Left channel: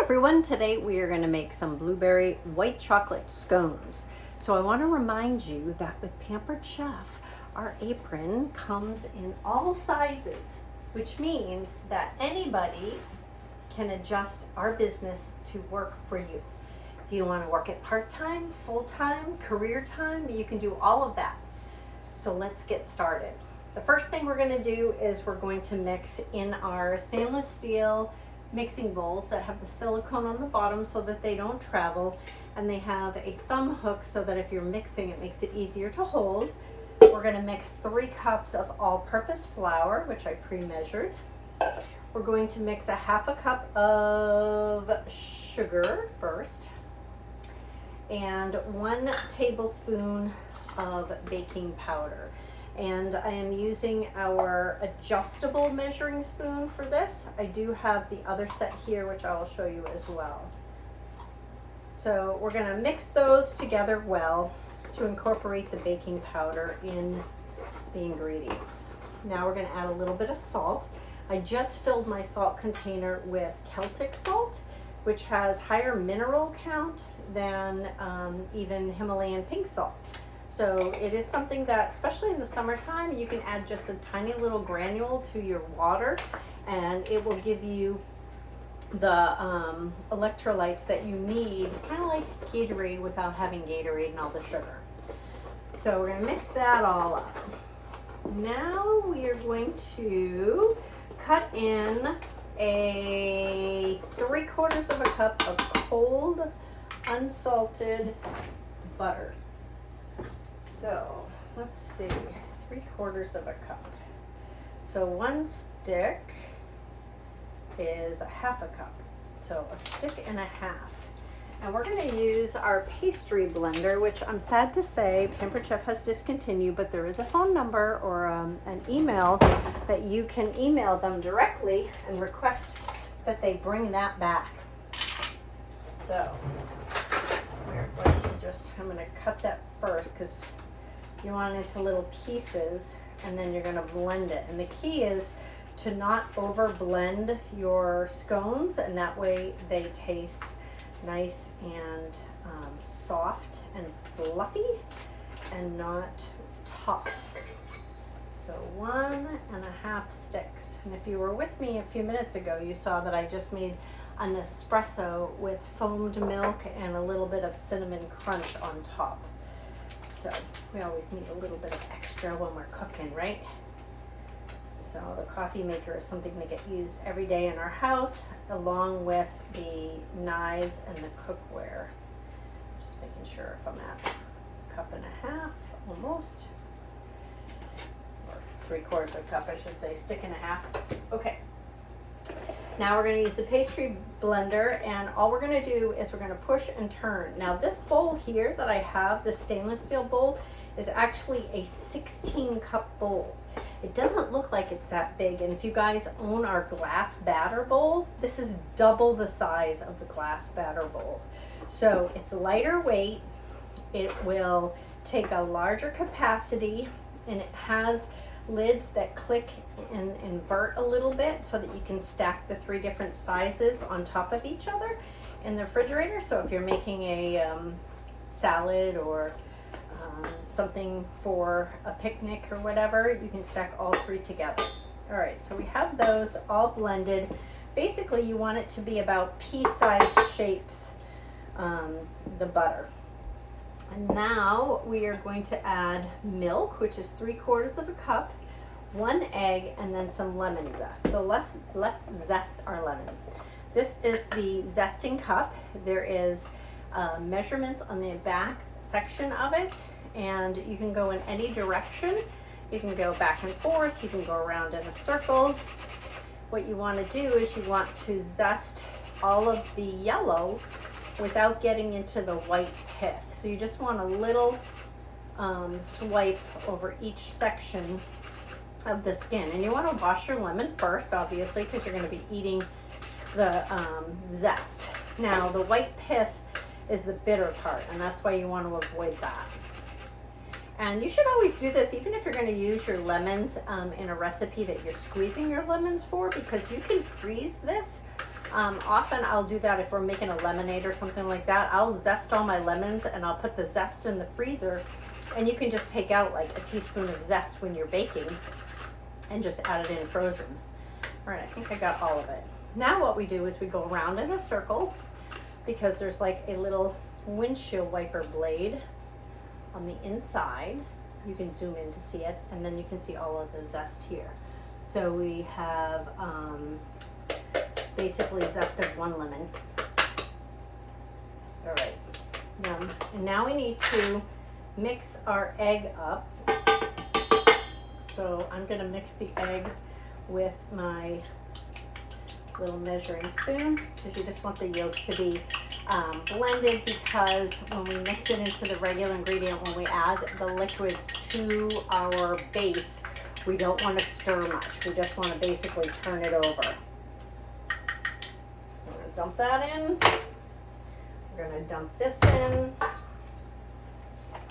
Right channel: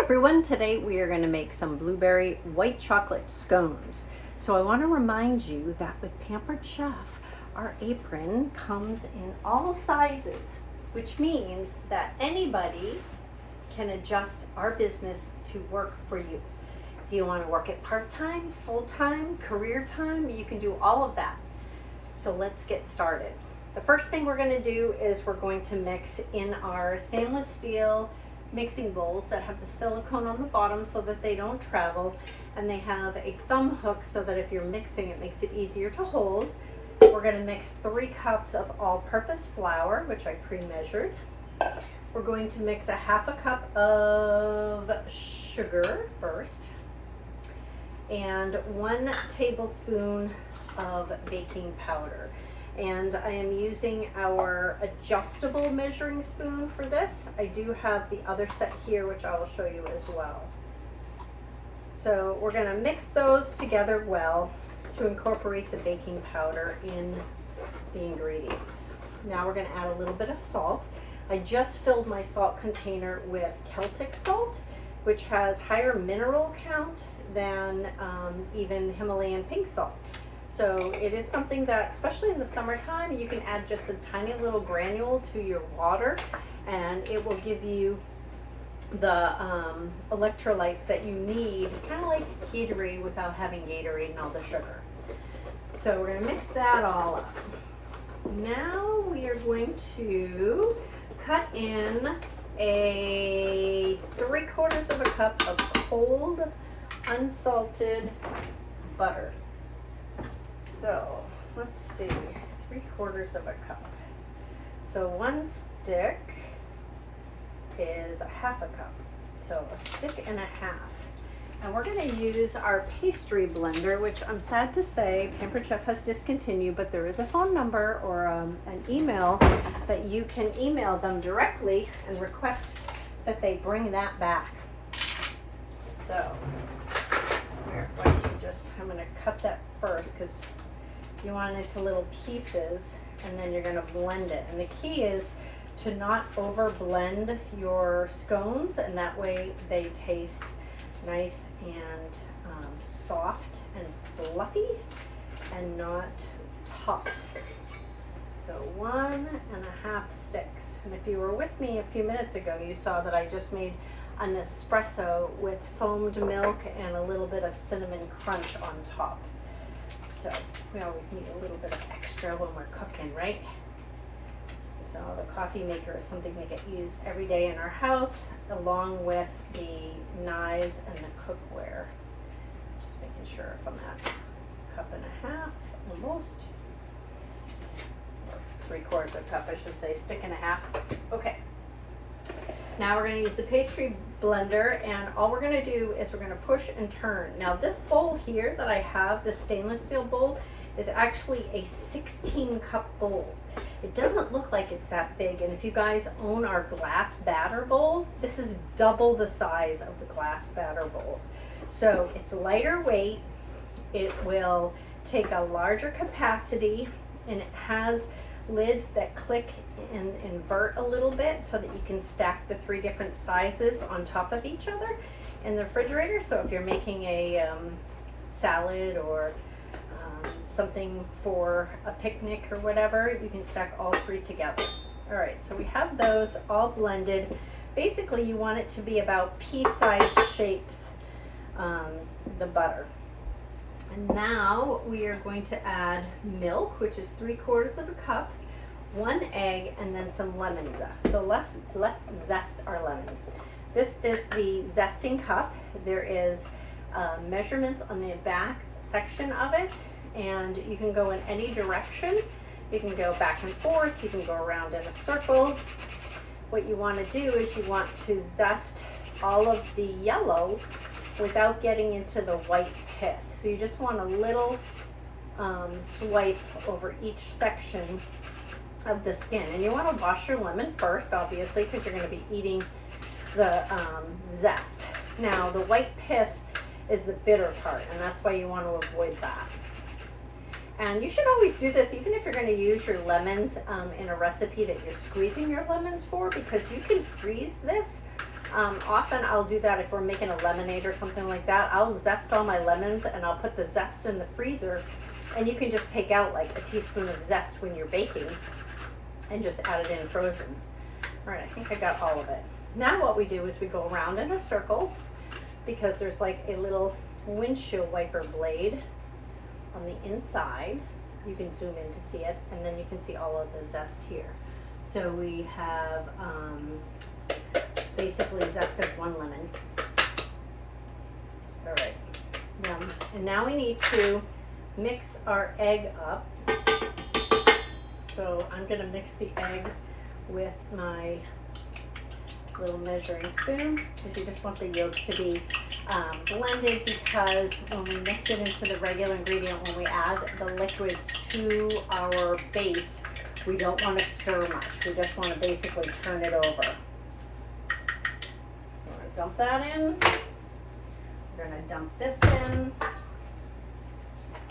Everyone, today we are going to make some blueberry white chocolate scones. So I want to remind you that with Pampered Chef, our apron comes in all sizes, which means that anybody can adjust our business to work for you. If you want to work it part-time, full-time, career time, you can do all of that. So let's get started. The first thing we're going to do is we're going to mix in our stainless steel mixing bowls that have the silicone on the bottom so that they don't travel, and they have a thumb hook so that if you're mixing it makes it easier to hold. We're going to mix 3 cups of all-purpose flour, which I pre-measured. We're going to mix a half a cup of sugar first and 1 tablespoon of baking powder. And I am using our adjustable measuring spoon for this. I do have the other set here, which I will show you as well. So we're going to mix those together well to incorporate the baking powder in the ingredients. Now we're going to add a little bit of salt. I just filled my salt container with Celtic salt, which has higher mineral count than even Himalayan pink salt. So it is something that, especially in the summertime, you can add just a tiny little granule to your water, and it will give you the electrolytes that you need, kind of like Gatorade without having Gatorade and all the sugar. So we're going to mix that all up. Now we are going to cut in a 3/4 of a cup of cold, unsalted butter. So let's see, 3/4 of a cup. So 1 stick is a half a cup. So a stick and a half. And we're going to use our pastry blender, which I'm sad to say Pampered Chef has discontinued, but there is a phone number or an email that you can email them directly and request that they bring that back. So we're going to I'm going to cut that first because you want it into little pieces, and then you're going to blend it. And the key is to not over blend your scones, and that way they taste nice and soft and fluffy and not tough. So 1.5 sticks. And if you were with me a few minutes ago, you saw that I just made an espresso with foamed milk and a little bit of cinnamon crunch on top. So we always need a little bit of extra when we're cooking, right? So the coffee maker is something that gets used every day in our house, along with the knives and the cookware. Just making sure if I'm at 1.5 cups, almost, or 3/4 of a cup, I should say, stick and a half. Okay. Now we're going to use the pastry blender, and all we're going to do is we're going to push and turn. Now this bowl here that I have, the stainless steel bowl, is actually a 16-cup bowl. It doesn't look like it's that big, and if you guys own our glass batter bowl, this is double the size of the glass batter bowl. So it's lighter weight, it will take a larger capacity, and it has lids that click and invert a little bit so that you can stack the 3 different sizes on top of each other in the refrigerator. So if you're making a salad or something for a picnic or whatever, you can stack all 3 together. All right, so we have those all blended. Basically, you want it to be about pea-sized shapes, the butter. And now we are going to add milk, which is 3/4 of a cup, 1 egg, and then some lemon zest. So let's zest our lemon. This is the zesting cup. There is measurements on the back section of it, and you can go in any direction. You can go back and forth. You can go around in a circle. What you want to do is you want to zest all of the yellow without getting into the white pith. So you just want a little swipe over each section of the skin. And you want to wash your lemon first, obviously, because you're going to be eating the zest. Now, the white pith is the bitter part, and that's why you want to avoid that. And you should always do this, even if you're going to use your lemons in a recipe that you're squeezing your lemons for, because you can freeze this Often I'll do that if we're making a lemonade or something like that. I'll zest all my lemons and I'll put the zest in the freezer, and you can just take out like a teaspoon of zest when you're baking and just add it in frozen. All right, I think I got all of it. Now what we do is we go around in a circle, because there's like a little windshield wiper blade on the inside. You can zoom in to see it, and then you can see all of the zest here. So we have basically zest of 1 lemon. All right, and now we need to mix our egg up. So I'm gonna mix the egg with my little measuring spoon, because you just want the yolk to be blended, because when we mix it into the regular ingredient, when we add the liquids to our base, we don't want to stir much. We just want to basically turn it over. So we're going to dump that in. We're going to dump this in.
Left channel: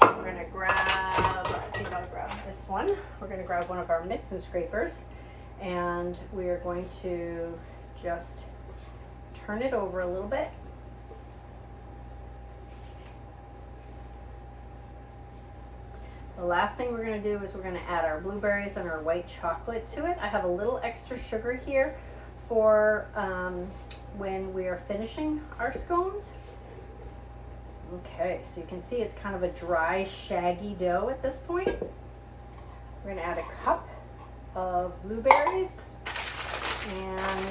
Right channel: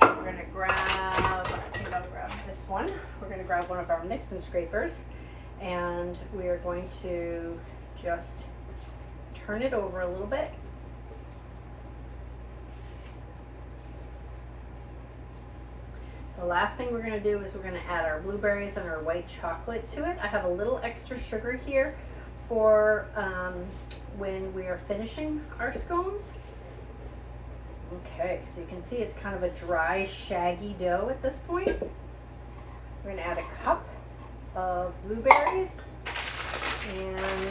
We're going to grab, I think I'll grab this one. We're going to grab one of our mix and scrapers, and we are going to just turn it over a little bit. The last thing we're going to do is we're going to add our blueberries and our white chocolate to it. I have a little extra sugar here for when we are finishing our scones. Okay, so you can see it's kind of a dry, shaggy dough at this point. We're going to add a cup of blueberries and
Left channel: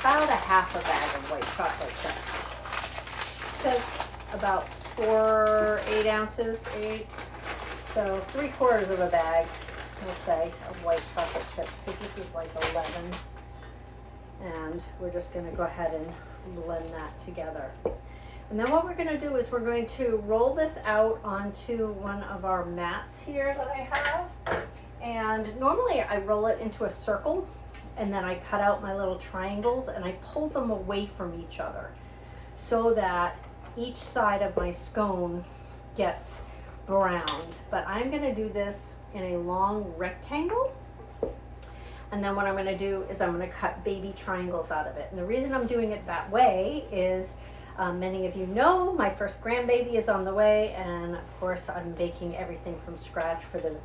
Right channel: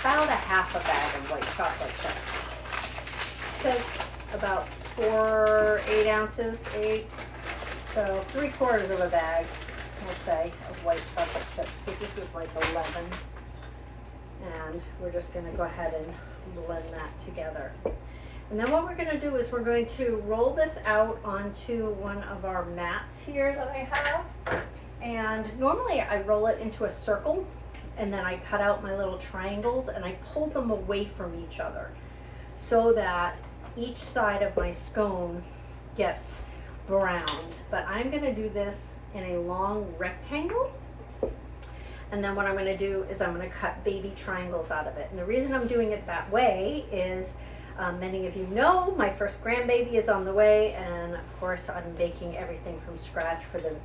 about a half a bag of white chocolate chips. So about 8 ounces, so 3/4 of a bag, we'll say, of white chocolate chips, because this is like 11. And we're just going to go ahead and blend that together. And then what we're going to do is we're going to roll this out onto one of our mats here that I have. And normally I roll it into a circle, and then I cut out my little triangles and I pull them away from each other so that each side of my scone gets browned. But I'm going to do this in a long rectangle. And then what I'm going to do is I'm going to cut baby triangles out of it. And the reason I'm doing it that way is many of you know my first grandbaby is on the way, and of course I'm baking everything from scratch for the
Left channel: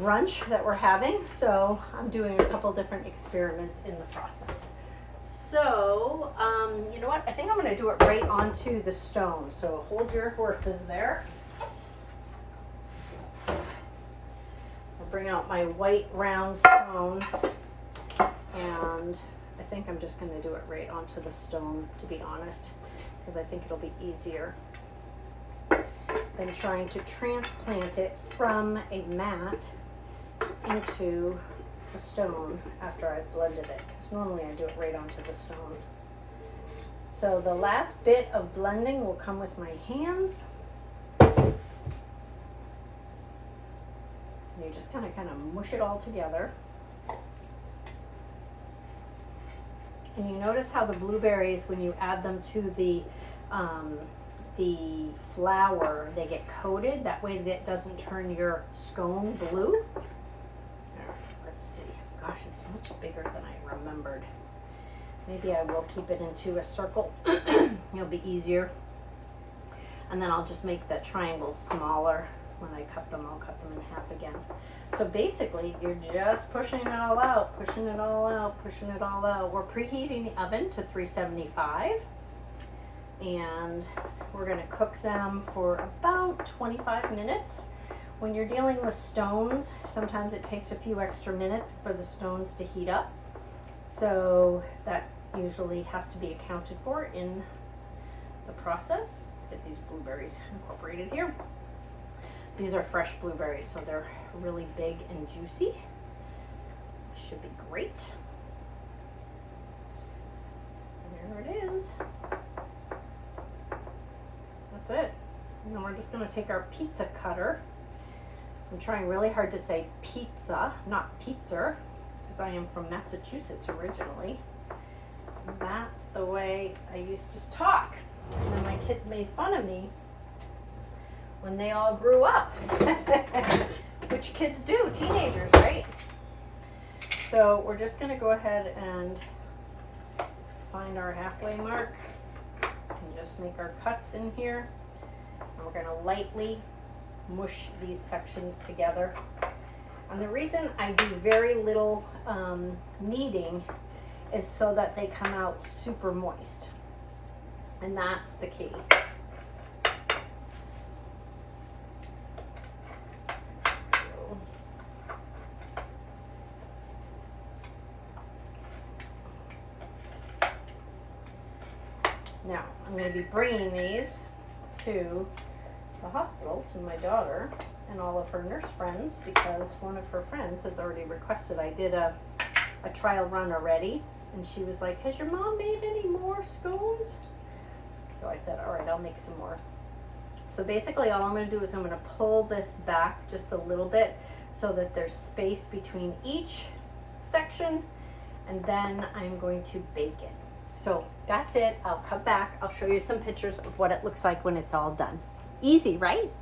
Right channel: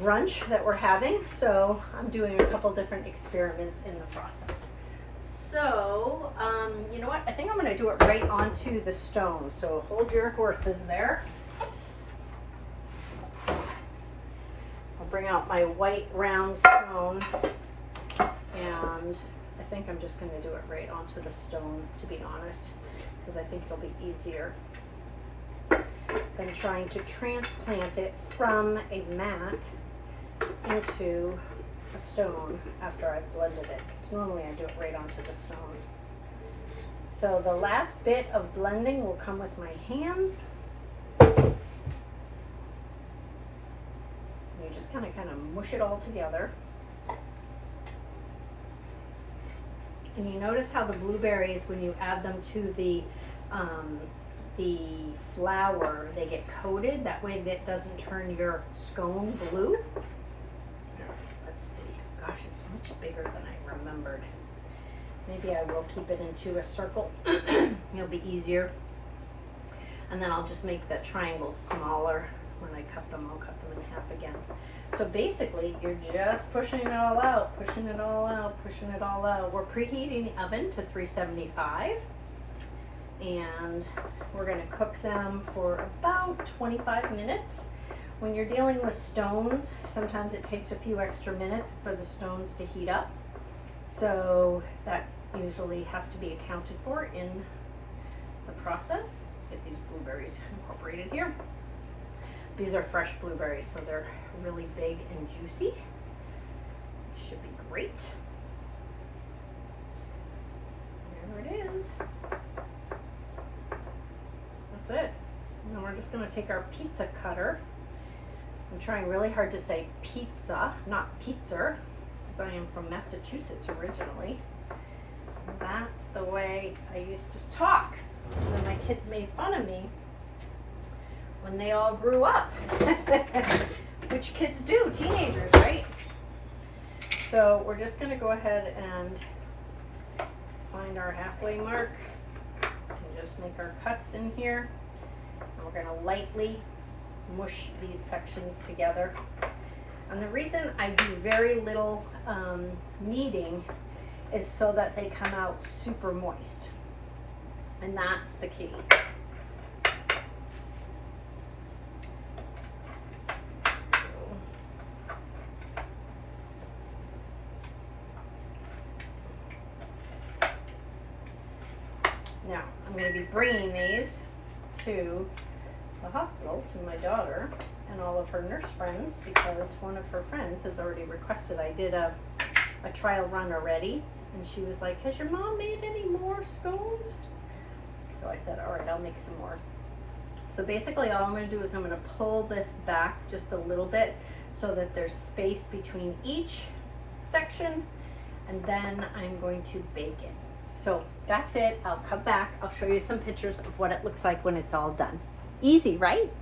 brunch that we're having. So I'm doing a couple different experiments in the process. So you know what, I think I'm going to do it right onto the stone. So hold your horses there. Bring out my white round stone, and I think I'm just going to do it right onto the stone, to be honest, because I think it'll be easier than trying to transplant it from a mat into a stone after I've blended it, because normally I do it right onto the stone. So the last bit of blending will come with my hands. You just kind of mush it all together. And you notice how the blueberries, when you add them to the flour, they get coated. That way that doesn't turn your scone blue. Let's see. Gosh, it's much bigger than I remembered. Maybe I will keep it into a circle. It'll be easier. And then I'll just make the triangles smaller. When I cut them, I'll cut them in half again. So basically, you're just pushing it all out, pushing it all out, pushing it all out. We're preheating the oven to 375, and we're going to cook them for about 25 minutes. When you're dealing with stones, sometimes it takes a few extra minutes for the stones to heat up. So that usually has to be accounted for in the process. Let's get these blueberries incorporated here. These are fresh blueberries, so they're really big and juicy. Should be great. There it is. That's it. And then we're just going to take our pizza cutter. I'm trying really hard to say pizza, not pizza, because I am from Massachusetts originally. And that's the way I used to talk. And then my kids made fun of me when they all grew up. Which kids do, teenagers, right? So we're just gonna go ahead and find our halfway mark and just make our cuts in here. And we're gonna lightly mush these sections together. And the reason I do very little kneading is so that they come out super moist. And that's the key. Now, I'm going to be bringing these to the hospital to my daughter and all of her nurse friends because one of her friends has already requested. I did a trial run already, and she was like, has your mom made any more scones? So I said, all right, I'll make some more. So basically all I'm going to do is I'm going to pull this back just a little bit so that there's space between each section, and then I'm going to bake it. So that's it. I'll come back. I'll show you some pictures of what it looks like when it's all done. Easy, right?